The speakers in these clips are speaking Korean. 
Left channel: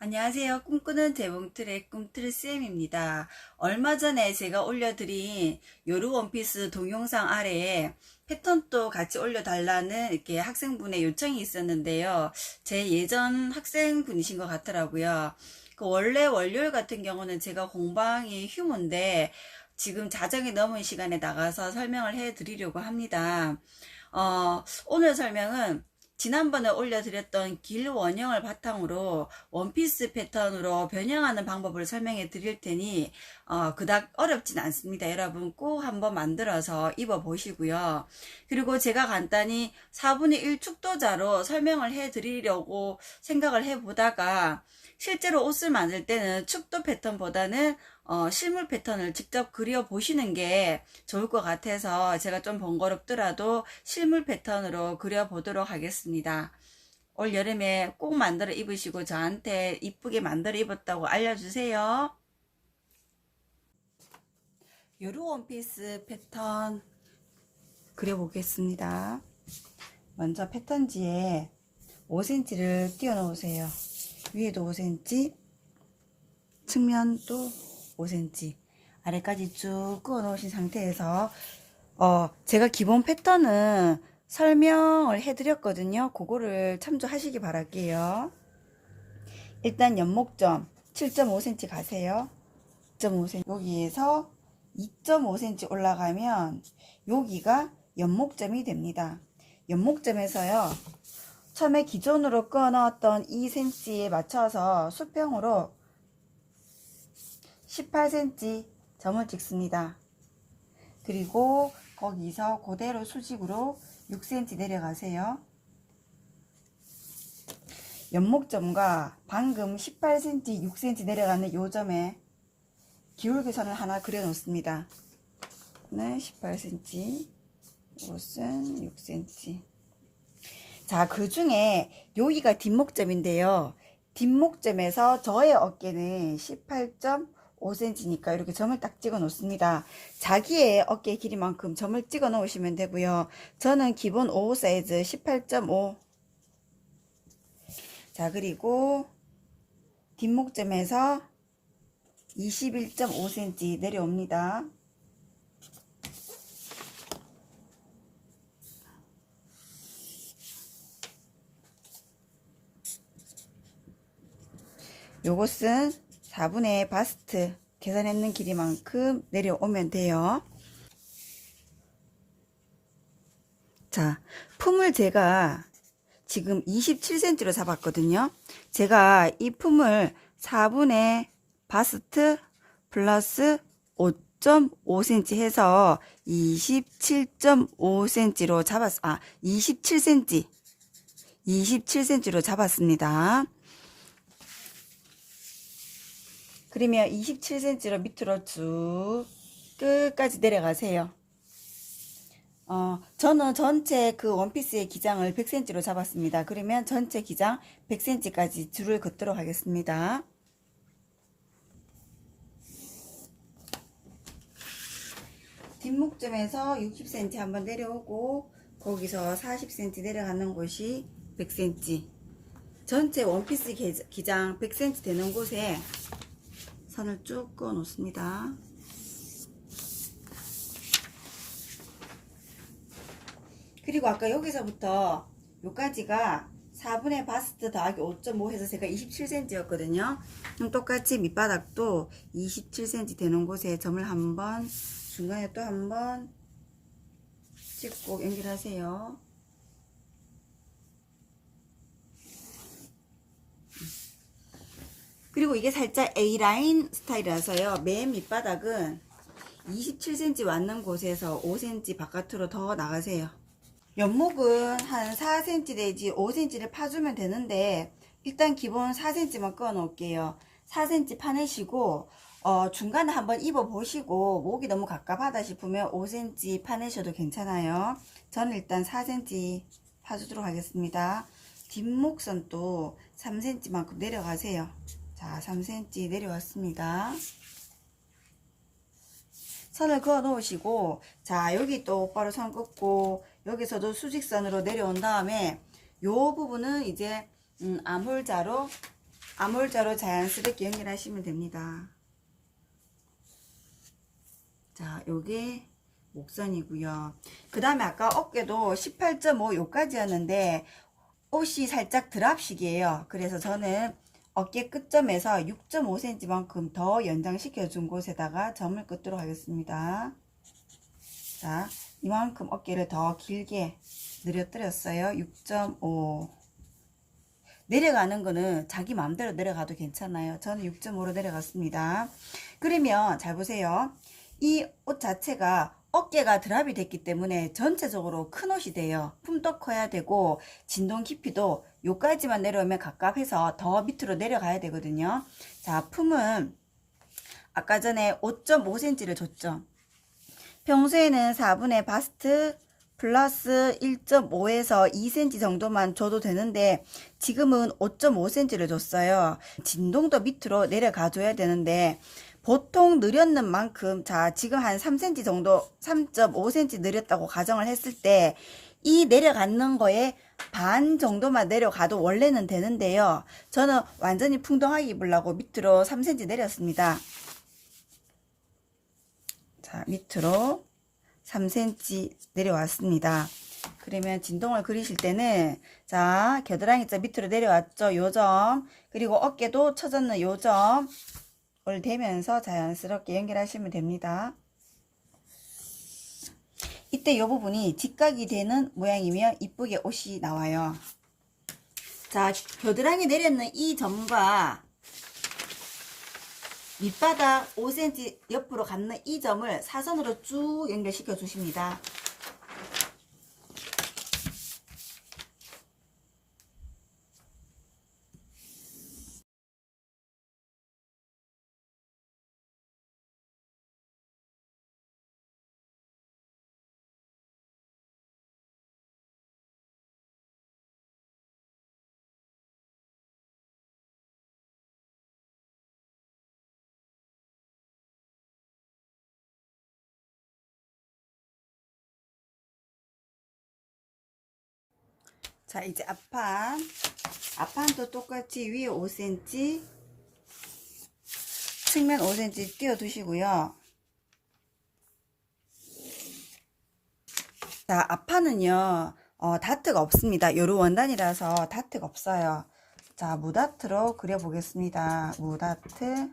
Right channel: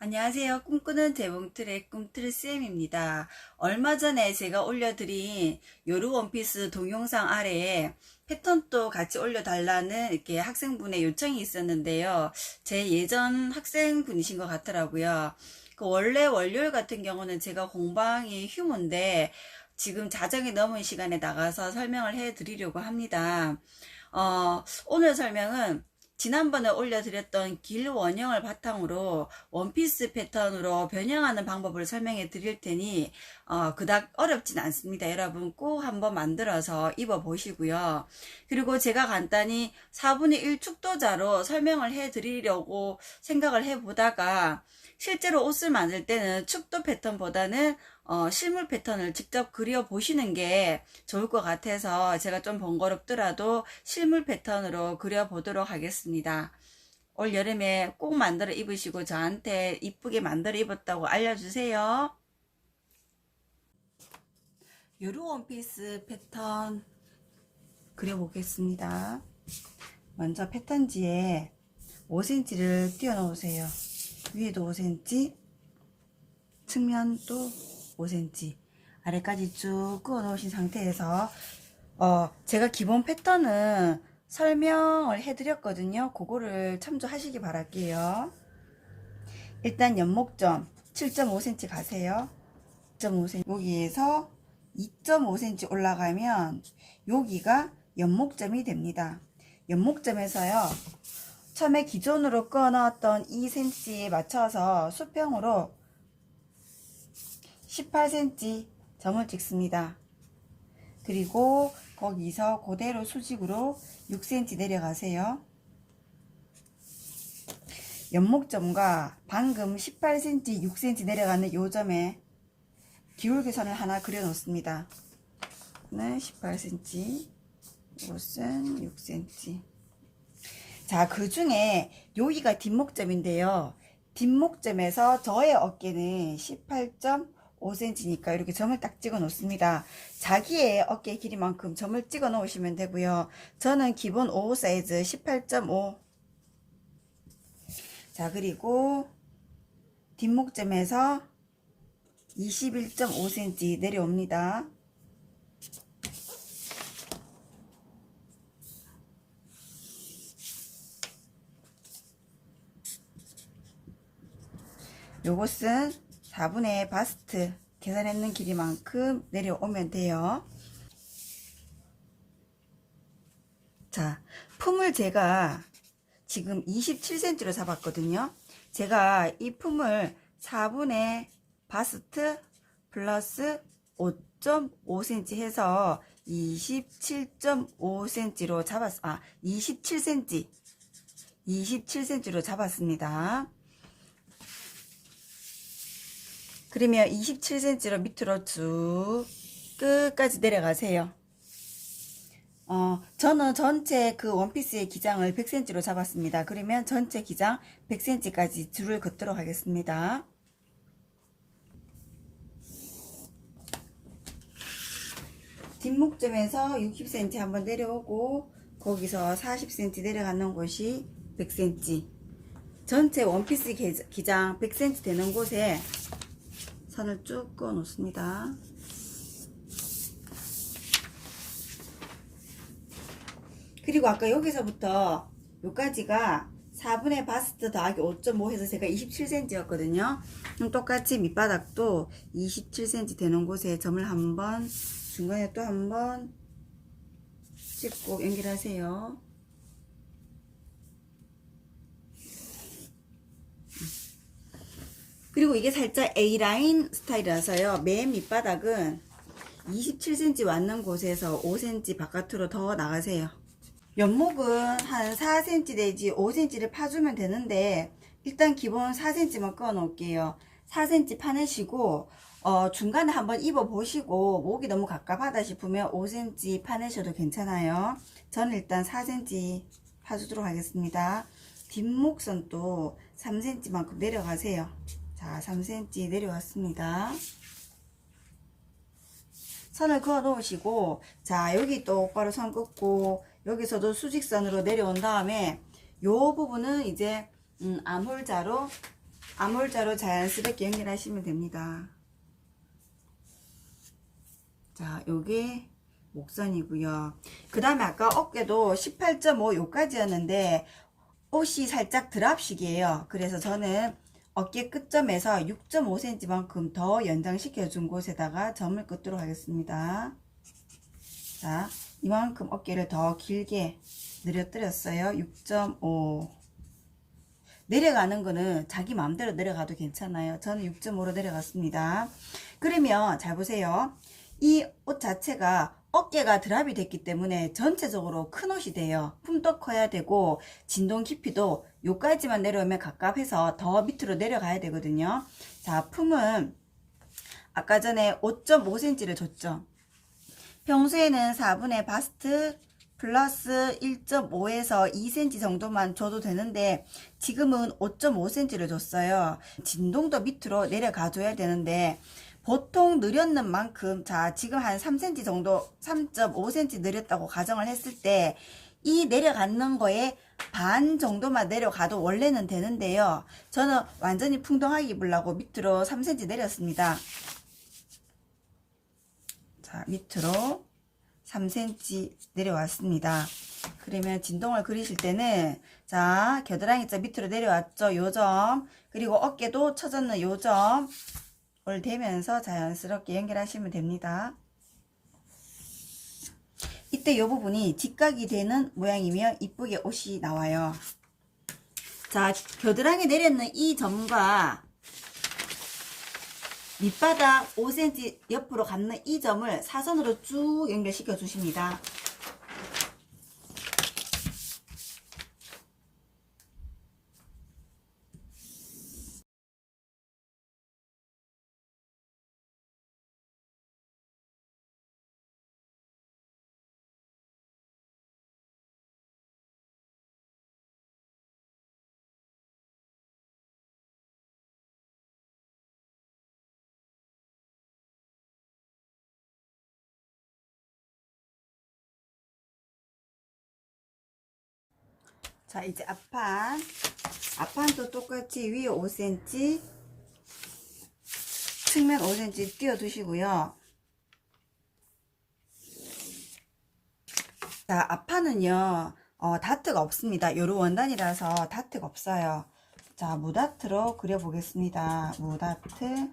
안녕하세요. 꿈꾸는 재봉틀의 꿈틀쌤입니다. 얼마 전에 제가 올려드린 요루 원피스 동영상 아래에 패턴도 같이 올려달라는 이렇게 학생분의 요청이 있었는데요. 제 예전 학생분이신 것 같더라고요. 그 원래 월요일 같은 경우는 제가 공방이 휴무인데 지금 자정이 넘은 시간에 나가서 설명을 해 드리려고 합니다. 오늘 설명은 지난번에 올려드렸던 길 원형을 바탕으로 원피스 패턴으로 변형하는 방법을 설명해 드릴 테니 그닥 어렵진 않습니다. 여러분 꼭 한번 만들어서 입어 보시고요. 그리고 제가 간단히 4분의 1 축도자로 설명을 해 드리려고 생각을 해 보다가 실제로 옷을 만들 때는 축도 패턴보다는 실물 패턴을 직접 그려 보시는 게 좋을 것 같아서 제가 좀 번거롭더라도 실물 패턴으로 그려 보도록 하겠습니다. 올 여름에 꼭 만들어 입으시고 저한테 이쁘게 만들어 입었다고 알려주세요. 요루 원피스 패턴 그려보겠습니다. 먼저 패턴지에 5cm를 띄워 놓으세요. 위에도 5cm, 측면도 5cm, 아래까지 쭉 그어 놓으신 상태에서 제가 기본 패턴은 설명을 해드렸거든요. 그거를 참조하시기 바랄게요. 일단 연목점 7.5cm 가세요. 2.5cm 여기에서 2.5cm 올라가면 여기가 연목점이 됩니다. 연목점에서요, 처음에 기존으로 그어 넣었던 2cm에 맞춰서 수평으로 18cm 점을 찍습니다. 그리고 거기서 그대로 수직으로 6cm 내려가세요. 연목점과 방금 18cm, 6cm 내려가는 요 점에 기울기선을 하나 그려 놓습니다. 18cm, 이것은 6cm. 자, 그 중에 여기가 뒷목점인데요. 뒷목점에서 저의 어깨는 18.5cm니까 이렇게 점을 딱 찍어 놓습니다. 자기의 어깨 길이만큼 점을 찍어 놓으시면 되고요. 저는 기본 5 사이즈 18.5. 자, 그리고 뒷목점에서 21.5cm 내려옵니다. 요것은 4분의 바스트 계산했는 길이만큼 내려오면 돼요. 자, 품을 제가 지금 27cm로 잡았거든요. 제가 이 품을 4분의 바스트 플러스 5.5cm 해서 27.5cm로 잡았, 27cm로 잡았습니다. 그러면 27cm로 밑으로 쭉 끝까지 내려가세요. 저는 전체 그 원피스의 기장을 100cm로 잡았습니다. 그러면 전체 기장 100cm까지 줄을 긋도록 하겠습니다. 뒷목점에서 60cm 한번 내려오고 거기서 40cm 내려가는 곳이 100cm. 전체 원피스 기장 100cm 되는 곳에 선을 쭉 그어 놓습니다. 그리고 아까 여기서부터 여기까지가 4분의 바스트 더하기 5.5 해서 제가 27cm 였거든요. 똑같이 밑바닥도 27cm 되는 곳에 점을 한번, 중간에 또 한번 찍고 연결하세요. 그리고 이게 살짝 A라인 스타일이라서요, 맨 밑바닥은 27cm 왔는 곳에서 5cm 바깥으로 더 나가세요. 연목은 한 4cm 내지 5cm를 파주면 되는데 일단 기본 4cm만 꺼 놓을게요. 4cm 파내시고 중간에 한번 입어 보시고 목이 너무 갑갑하다 싶으면 5cm 파내셔도 괜찮아요. 저는 일단 4cm 파주도록 하겠습니다. 뒷목선도 3cm만큼 내려가세요. 자, 3cm 내려왔습니다. 선을 그어 놓으시고, 자, 여기 똑바로 선 긋고 여기서도 수직선으로 내려온 다음에 요 부분은 이제 암홀자로 아몰자로 자연스럽게 연결하시면 됩니다. 자, 요게 목선이고요. 그 다음에 아까 어깨도 18.5 요까지였는데 옷이 살짝 드랍식이에요. 그래서 저는 어깨 끝점에서 6.5cm만큼 더 연장시켜 준 곳에다가 점을 긋도록 하겠습니다. 자, 이만큼 어깨를 더 길게 늘어뜨렸어요. 6.5. 내려가는 거는 자기 마음대로 내려가도 괜찮아요. 저는 6.5로 내려갔습니다. 그러면 잘 보세요. 이 옷 자체가 어깨가 드랍이 됐기 때문에 전체적으로 큰 옷이 돼요. 품도 커야 되고 진동 깊이도 요까지만 내려오면 갑갑해서 더 밑으로 내려가야 되거든요. 자, 품은 아까 전에 5.5cm를 줬죠. 평소에는 4분의 바스트 플러스 1.5에서 2cm 정도만 줘도 되는데 지금은 5.5cm를 줬어요. 진동도 밑으로 내려가 줘야 되는데 보통 느렸는 만큼, 자, 지금 한 3cm 정도, 3.5cm 느렸다고 가정을 했을 때 이 내려가는 거에 반 정도만 내려가도 원래는 되는데요. 저는 완전히 풍덩하게 입으려고 밑으로 3cm 내렸습니다. 자, 밑으로 3cm 내려왔습니다. 그러면 진동을 그리실 때는, 자, 겨드랑이자 밑으로 내려왔죠. 요점, 그리고 어깨도 쳐졌는 요점 을 대면서 자연스럽게 연결하시면 됩니다. 이때 이 부분이 직각이 되는 모양이면 이쁘게 옷이 나와요. 자, 겨드랑이 내렸는 이 점과 밑바닥 5cm 옆으로 감는 이 점을 사선으로 쭉 연결시켜 주십니다. 자, 이제 앞판도 똑같이 위에 5cm, 측면 5cm 띄워 두시고요. 자, 앞판은요, 다트가 없습니다. 요로 원단이라서 다트가 없어요. 자, 무다트로 그려보겠습니다. 무다트.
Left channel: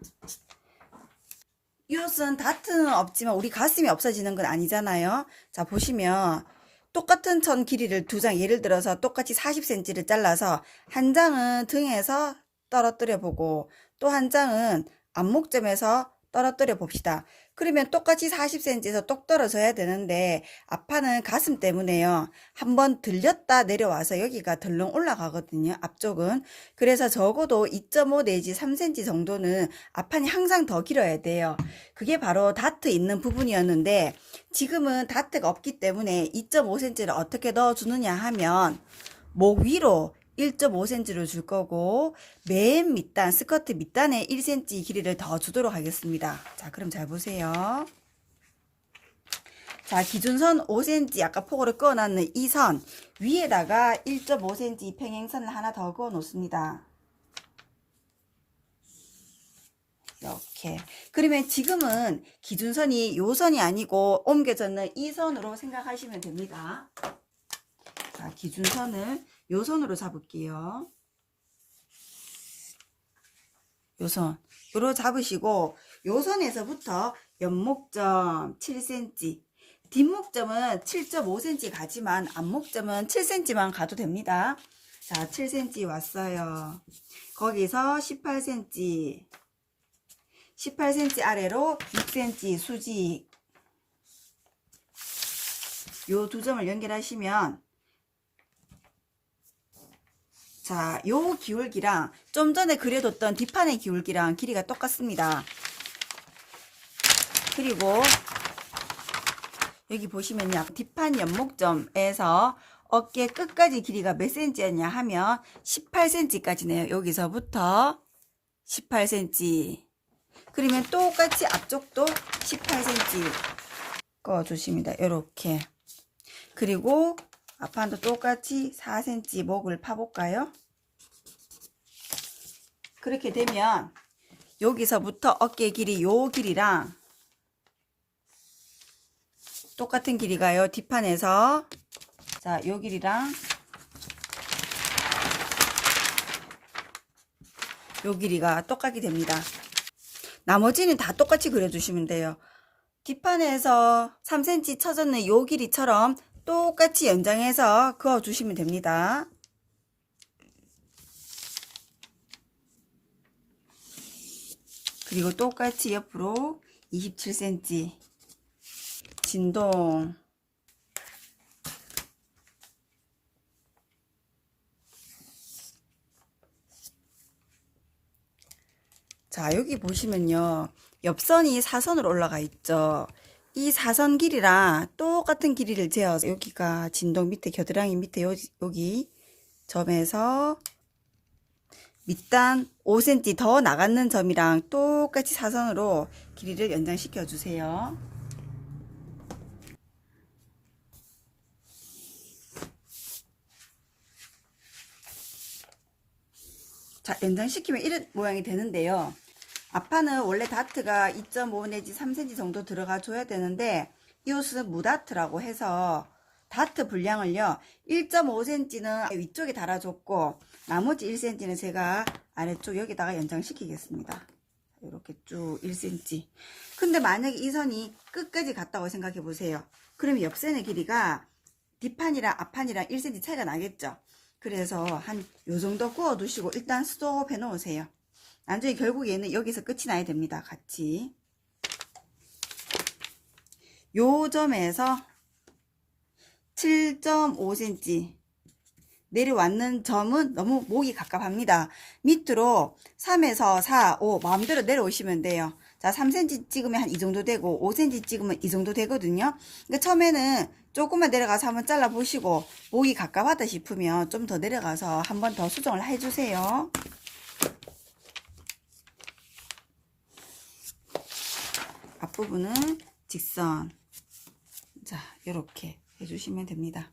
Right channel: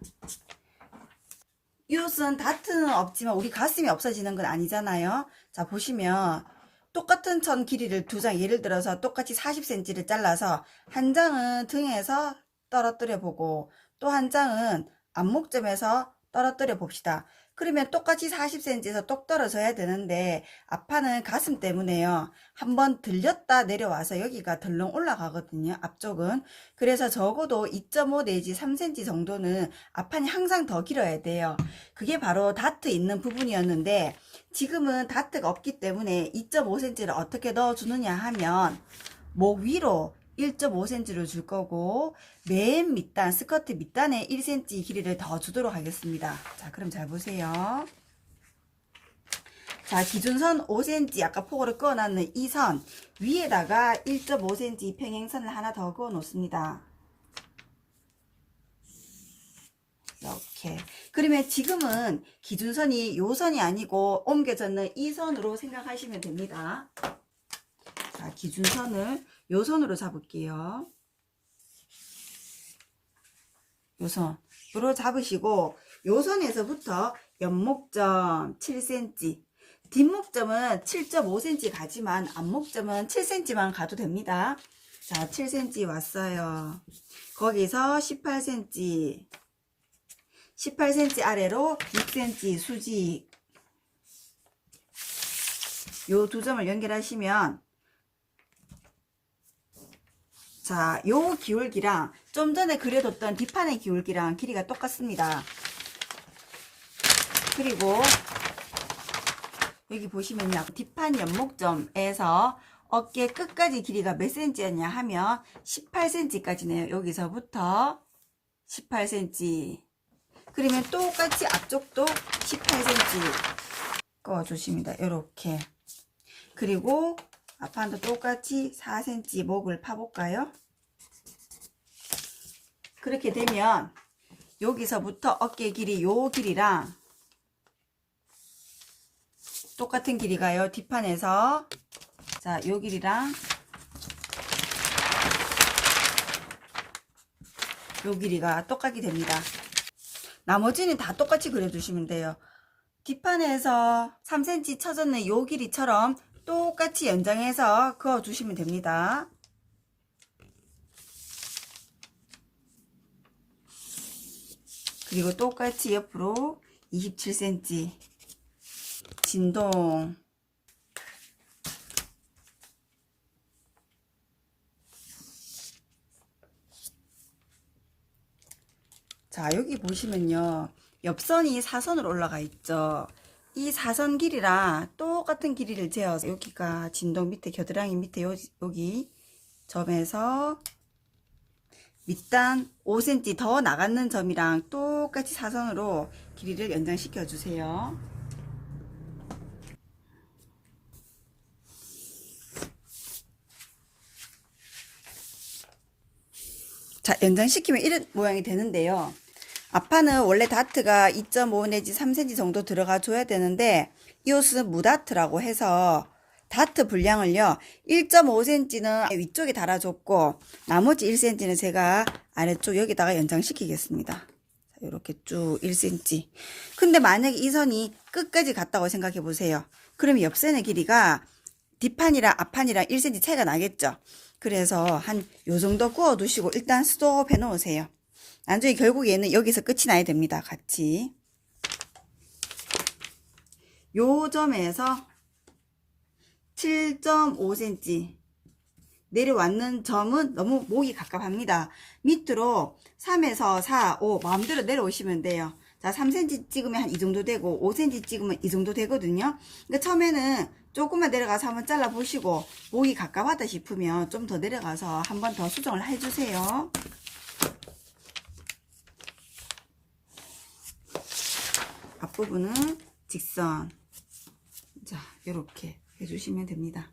이 옷은 다트는 없지만 우리 가슴이 없어지는 건 아니잖아요. 자, 보시면 똑같은 천 길이를 두 장, 예를 들어서 똑같이 40cm를 잘라서 한 장은 등에서 떨어뜨려 보고 또 한 장은 안목점에서 떨어뜨려 봅시다. 그러면 똑같이 40cm에서 똑 떨어져야 되는데 앞판은 가슴 때문에요. 한번 들렸다 내려와서 여기가 덜렁 올라가거든요. 앞쪽은. 그래서 적어도 2.5 내지 3cm 정도는 앞판이 항상 더 길어야 돼요. 그게 바로 다트 있는 부분이었는데 지금은 다트가 없기 때문에 2.5cm를 어떻게 넣어주느냐 하면 목 위로 1.5cm를 줄 거고 맨 밑단 스커트 밑단에 1cm 길이를 더 주도록 하겠습니다. 자, 그럼 잘 보세요. 자, 기준선 5cm 아까 폭으로 그어놨는 이 선 위에다가 1.5cm 평행선을 하나 더 그어 놓습니다. 이렇게. 그러면 지금은 기준선이 요 선이 아니고 옮겨졌는 이 선으로 생각하시면 됩니다. 자, 기준선을 요 선으로 잡을게요. 요 선으로 잡으시고 요 선에서부터 옆목점 7cm, 뒷목점은 7.5cm 가지만 앞목점은 7cm만 가도 됩니다. 자, 7cm 왔어요. 거기서 18cm, 18cm 아래로 6cm 수직, 요 두 점을 연결하시면, 자, 요 기울기랑 좀 전에 그려뒀던 뒷판의 기울기랑 길이가 똑같습니다. 그리고 여기 보시면요, 뒷판 옆목점에서 어깨 끝까지 길이가 몇 cm였냐 하면 18cm까지네요. 여기서부터 18cm. 그러면 똑같이 앞쪽도 18cm 꺼주십니다. 이렇게. 그리고 앞판도 똑같이 4cm 목을 파볼까요? 그렇게 되면 여기서부터 어깨 길이 요 길이랑 똑같은 길이가요. 뒷판에서 자, 요 길이랑 요 길이가 똑같게 됩니다. 나머지는 다 똑같이 그려주시면 돼요. 뒷판에서 3cm 쳐졌는 요 길이처럼 똑같이 연장해서 그어주시면 됩니다. 그리고 똑같이 옆으로 27cm 진동 자, 여기 보시면요. 옆선이 사선으로 올라가 있죠. 이 사선 길이랑 똑같은 길이를 재어서 여기가 진동 밑에 겨드랑이 밑에 여기 점에서 밑단 5cm 더 나가는 점이랑 똑같이 사선으로 길이를 연장시켜 주세요. 자, 연장시키면 이런 모양이 되는데요. 앞판은 원래 다트가 2.5 내지 3cm 정도 들어가 줘야 되는데 이 옷은 무다트라고 해서 다트 분량을요 1.5cm는 위쪽에 달아줬고 나머지 1cm는 제가 아래쪽 여기다가 연장시키겠습니다. 이렇게 쭉 1cm. 근데 만약에 이 선이 끝까지 갔다고 생각해 보세요. 그러면 옆선의 길이가 뒷판이랑 앞판이랑 1cm 차이가 나겠죠. 그래서 한 요 정도 구워 두시고 일단 스톱 해 놓으세요. 나중에 결국 얘는 여기서 끝이 나야 됩니다. 같이 요 점에서 7.5cm 내려왔는 점은 너무 목이 갑갑합니다. 밑으로 3에서 4, 5 마음대로 내려오시면 돼요. 자, 3cm 찍으면 한 이 정도 되고 5cm 찍으면 이 정도 되거든요. 그러니까 처음에는 조금만 내려가서 한번 잘라 보시고 목이 갑갑하다 싶으면 좀 더 내려가서 한 번 더 수정을 해주세요. 앞부분은 직선. 자, 이렇게 해주시면 됩니다.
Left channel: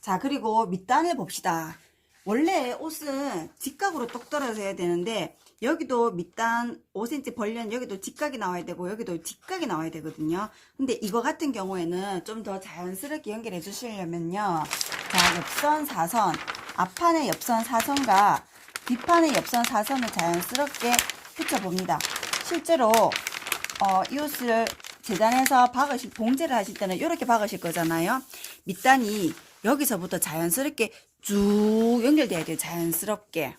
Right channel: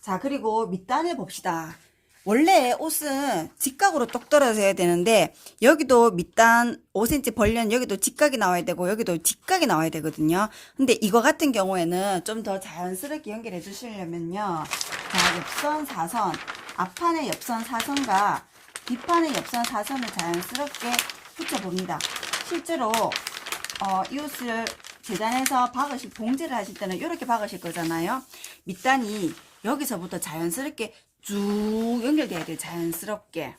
자, 그리고 밑단을 봅시다. 원래 옷은 직각으로 똑 떨어져야 되는데 여기도 밑단 5cm 벌려는 여기도 직각이 나와야 되고 여기도 직각이 나와야 되거든요. 근데 이거 같은 경우에는 좀 더 자연스럽게 연결해 주시려면요. 자, 옆선 사선, 앞판의 옆선 사선과 뒷판의 옆선 사선을 자연스럽게 붙여봅니다. 실제로 이 옷을 재단해서 봉제를 하실 때는 이렇게 박으실 거잖아요. 밑단이 여기서부터 자연스럽게 쭉 연결돼야 돼요. 자연스럽게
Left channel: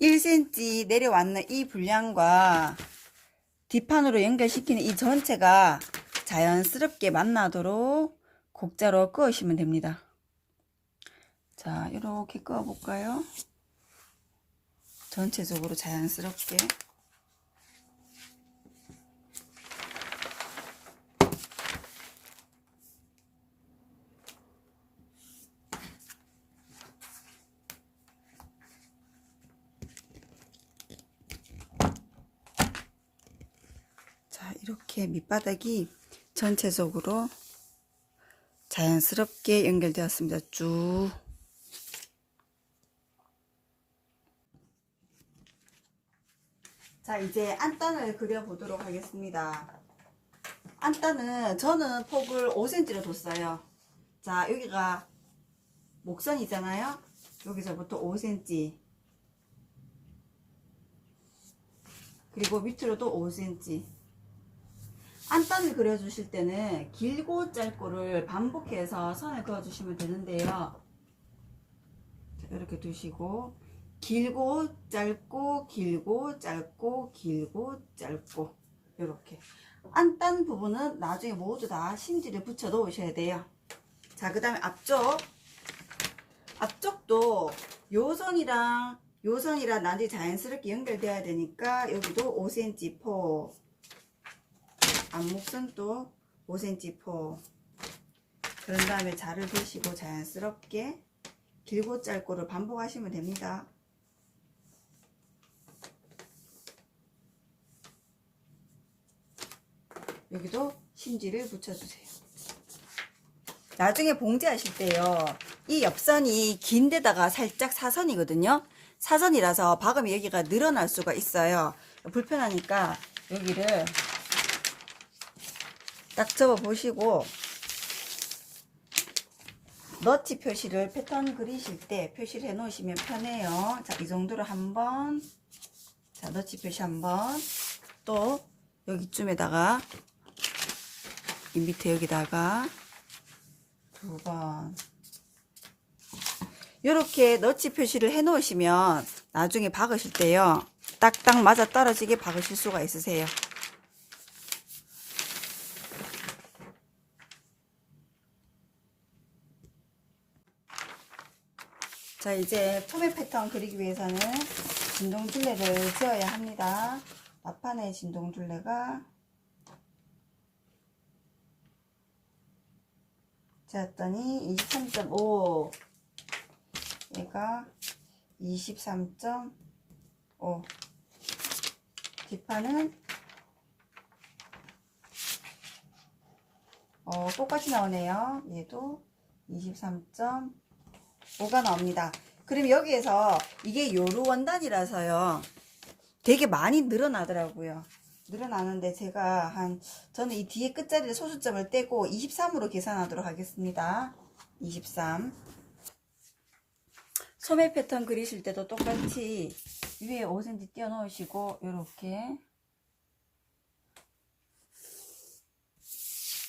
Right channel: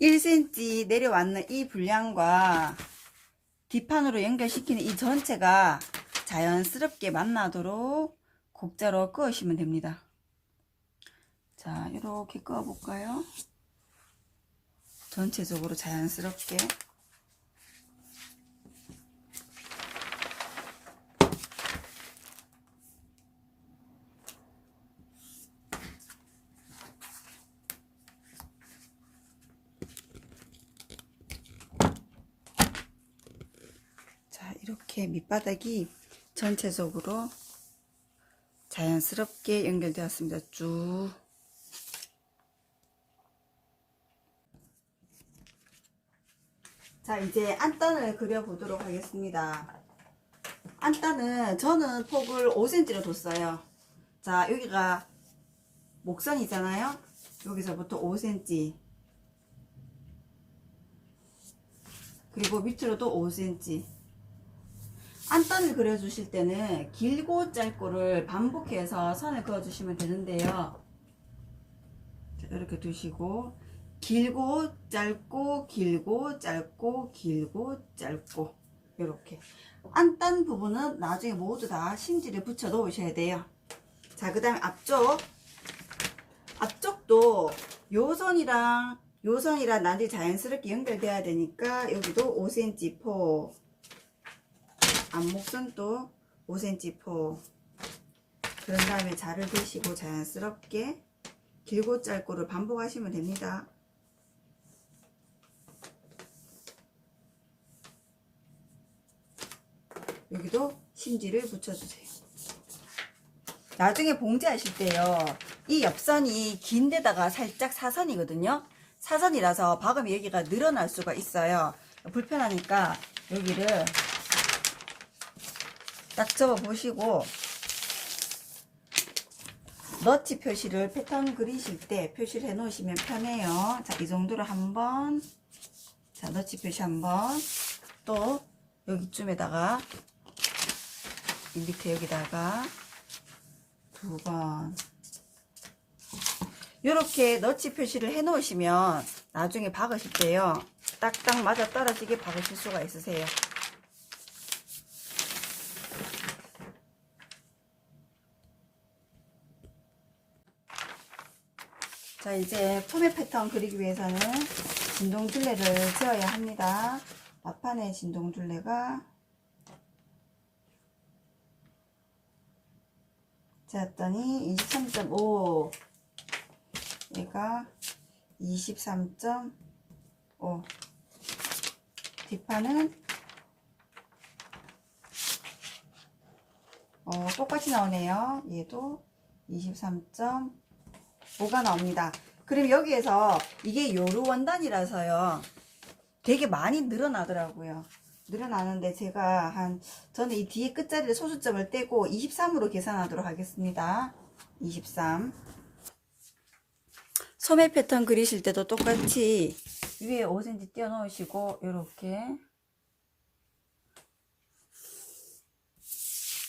1cm 내려왔는 이 분량과 뒷판으로 연결시키는 이 전체가 자연스럽게 만나도록 곡자로 그으시면 됩니다. 자, 이렇게 그어 볼까요? 전체적으로 자연스럽게. 자, 이렇게 밑바닥이 전체적으로 자연스럽게 연결되었습니다. 쭉. 자, 이제 안단을 그려보도록 하겠습니다. 안단은 저는 폭을 5cm로 뒀어요. 자, 여기가 목선이잖아요. 여기서부터 5cm 그리고 밑으로도 5cm. 안단을 그려주실 때는 길고 짧고를 반복해서 선을 그어주시면 되는데요. 자, 이렇게 두시고 길고 짧고 길고 짧고 길고 짧고 이렇게 안단 부분은 나중에 모두 다 심지를 붙여 놓으셔야 돼요. 자, 그 다음에 앞쪽도 요선이랑 나중에 자연스럽게 연결돼야 되니까 여기도 5cm 폭, 앞목선도 5cm 폭. 그런 다음에 자를 드시고 자연스럽게 길고 짧고를 반복하시면 됩니다. 여기도 심지를 붙여주세요. 나중에 봉제하실 때요, 이 옆선이 긴 데다가 살짝 사선이거든요. 사선이라서 박으면 여기가 늘어날 수가 있어요. 불편하니까 여기를 딱 접어 보시고, 너치 표시를 패턴 그리실 때 표시를 해 놓으시면 편해요. 자, 이 정도로 한번, 자, 너치 표시 한번, 또 여기쯤에다가, 이 밑에 여기다가 두 번, 이렇게 너치 표시를 해 놓으시면 나중에 박으실 때요, 딱딱 맞아 떨어지게 박으실 수가 있으세요. 자, 이제 포매 패턴 그리기 위해서는 진동둘레를 지어야 합니다. 앞판의 진동둘레가 지었더니 23.5, 얘가 23.5, 뒷판은 똑같이 나오네요. 얘도 23.5가 나옵니다. 그럼 여기에서 이게 요루 원단이라서요, 되게 많이 늘어나더라고요. 늘어나는데 제가 저는 이 뒤에 끝자리를 소수점을 떼고 23으로 계산하도록 하겠습니다. 23. 소매 패턴 그리실 때도 똑같이 위에 5cm 띄워 놓으시고, 요렇게,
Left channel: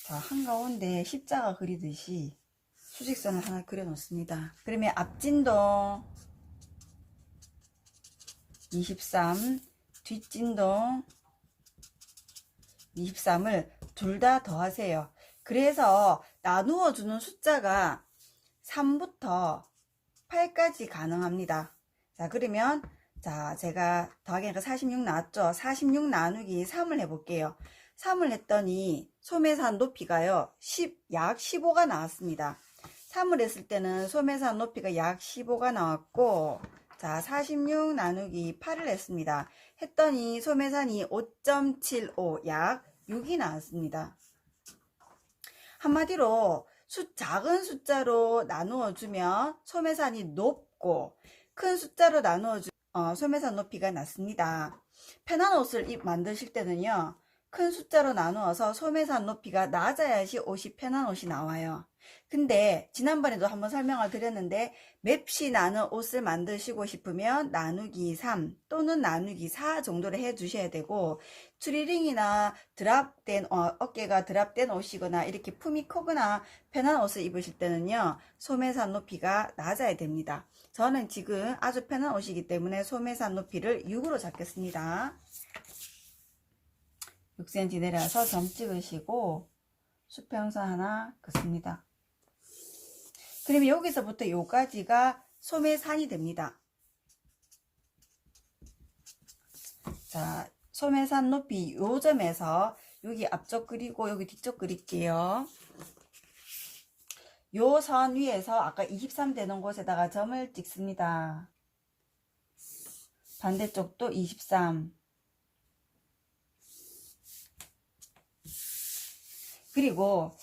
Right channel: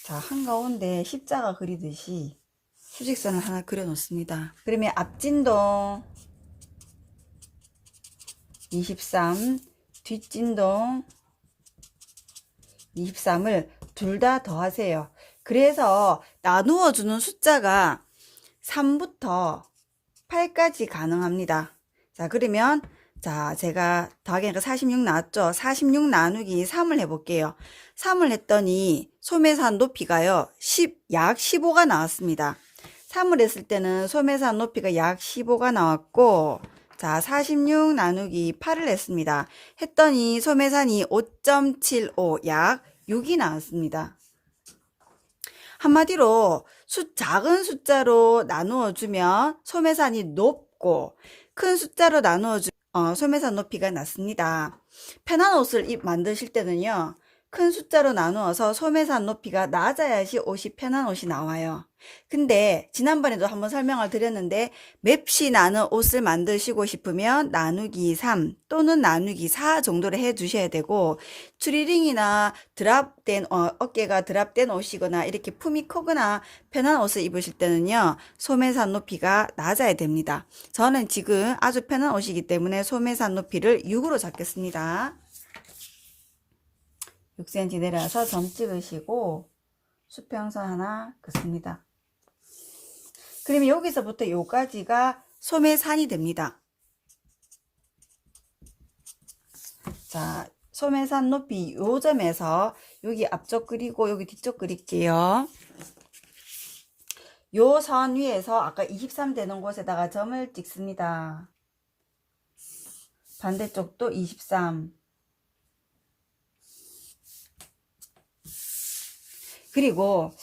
자, 한가운데 십자가 그리듯이 수직선을 하나 그려 놓습니다. 그러면 앞진동 23, 뒷진동 23을 둘 다 더하세요. 그래서 나누어 주는 숫자가 3부터 8까지 가능합니다. 자, 그러면 자, 제가 더하기니까 46 나왔죠? 46 나누기 3을 해볼게요. 3을 했더니 소매산 높이가요, 약 15가 나왔습니다. 3을 했을 때는 소매산 높이가 약 15가 나왔고, 자, 46 나누기 8을 했습니다. 했더니 소매산이 5.75, 약 6이 나왔습니다. 한마디로 작은 숫자로 나누어 주면 소매산이 높고, 큰 숫자로 나누어 주면 소매산 높이가 낮습니다. 편한 옷을 만드실 때는요, 큰 숫자로 나누어서 소매산 높이가 낮아야지 옷이 편한 옷이 나와요. 근데 지난번에도 한번 설명을 드렸는데, 맵시 나는 옷을 만드시고 싶으면 나누기 3 또는 나누기 4 정도를 해 주셔야 되고, 추리링이나 어깨가 드랍된 옷이거나 이렇게 품이 크거나 편한 옷을 입으실 때는요, 소매산 높이가 낮아야 됩니다. 저는 지금 아주 편한 옷이기 때문에 소매산 높이를 6으로 잡겠습니다. 6cm 내려와서 점 찍으시고 수평선 하나 긋습니다. 그러면 여기서부터 요까지가 소매산이 됩니다. 자, 소매산 높이 요 점에서 여기 앞쪽 그리고 여기 뒤쪽 그릴게요. 요 선 위에서 아까 23 되는 곳에다가 점을 찍습니다. 반대쪽도 23. 그리고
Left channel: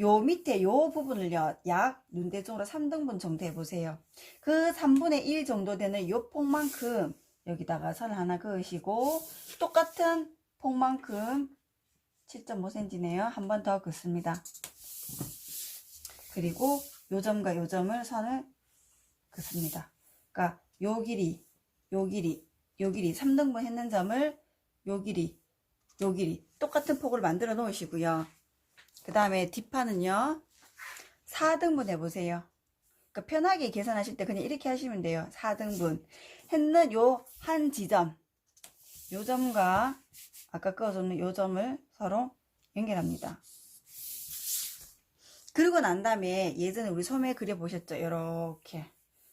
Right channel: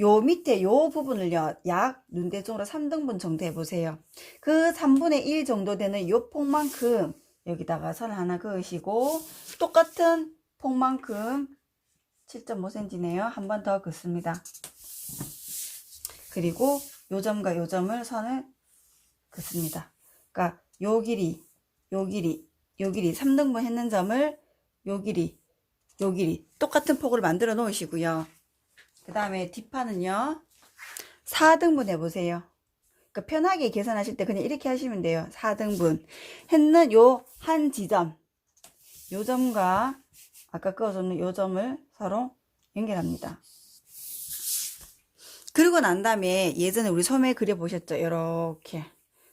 요 밑에 요 부분을요, 약 눈대중으로 3등분 정도 해보세요. 그 3분의 1 정도 되는 요 폭만큼 여기다가 선 하나 그으시고, 똑같은 폭만큼 7.5cm네요. 한 번 더 긋습니다. 그리고 요 점과 요 점을 선을 긋습니다. 그러니까 요 길이, 요 길이, 요 길이 3등분 했는 점을 요 길이, 요 길이 똑같은 폭으로 만들어 놓으시고요. 그 다음에 뒷판은요, 4등분 해보세요. 그러니까 편하게 계산하실 때 그냥 이렇게 하시면 돼요. 4등분 했는 요 한 지점, 요 점과 아까 그어줬는 요 점을 서로 연결합니다. 그리고 난 다음에 예전에 우리 소매 그려보셨죠? 이렇게,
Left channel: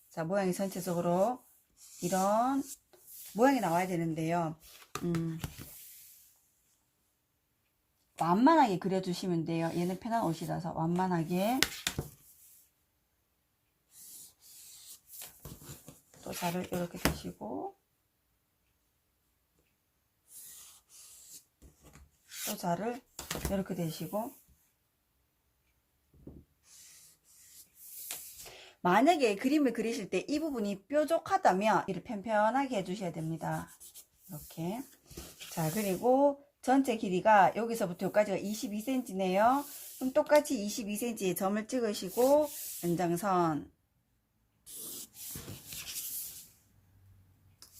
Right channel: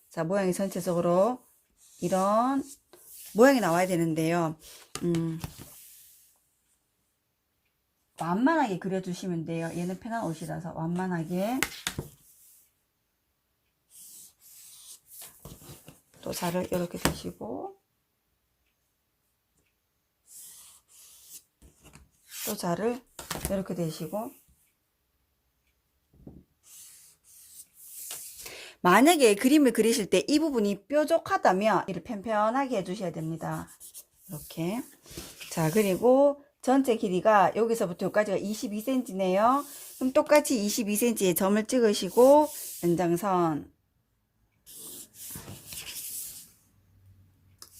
자, 모양이 전체적으로 이런 모양이 나와야 되는데요. 완만하게 그려주시면 돼요. 얘는 편한 옷이라서 완만하게. 또 자를 이렇게 대시고, 또 자를 이렇게 대시고, 만약에 그림을 그리실 때 이 부분이 뾰족하다면 이를 편편하게 해주셔야 됩니다. 이렇게. 자, 그리고 전체 길이가 여기서부터 여기까지가 22cm네요. 그럼 똑같이 22cm에 점을 찍으시고 연장선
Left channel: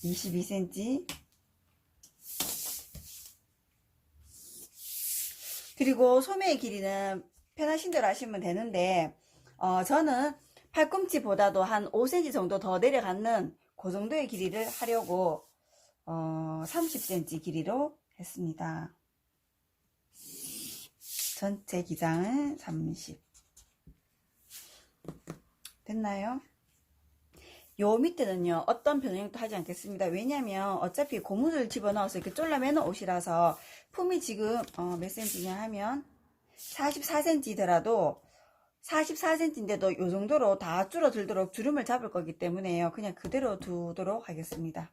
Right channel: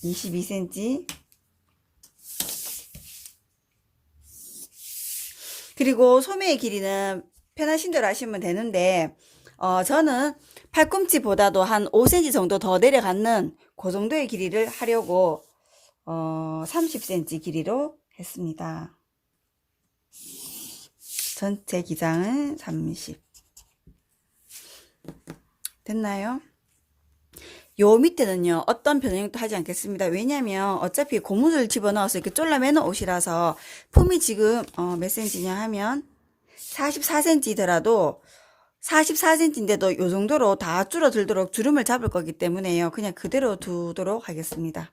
22cm, 그리고 소매의 길이는 편하신 대로 하시면 되는데 저는 팔꿈치보다도 한 5cm 정도 더 내려가는 그 정도의 길이를 하려고 30cm 길이로 했습니다. 전체 기장은 30. 됐나요? 요 밑에는요, 어떤 변형도 하지 않겠습니다. 왜냐면 어차피 고무줄 집어넣어서 이렇게 졸라매는 옷이라서 품이 지금 몇 cm냐 하면 44cm더라도 44cm인데도 요 정도로 다 줄어들도록 주름을 잡을 거기 때문에요. 그냥 그대로 두도록 하겠습니다.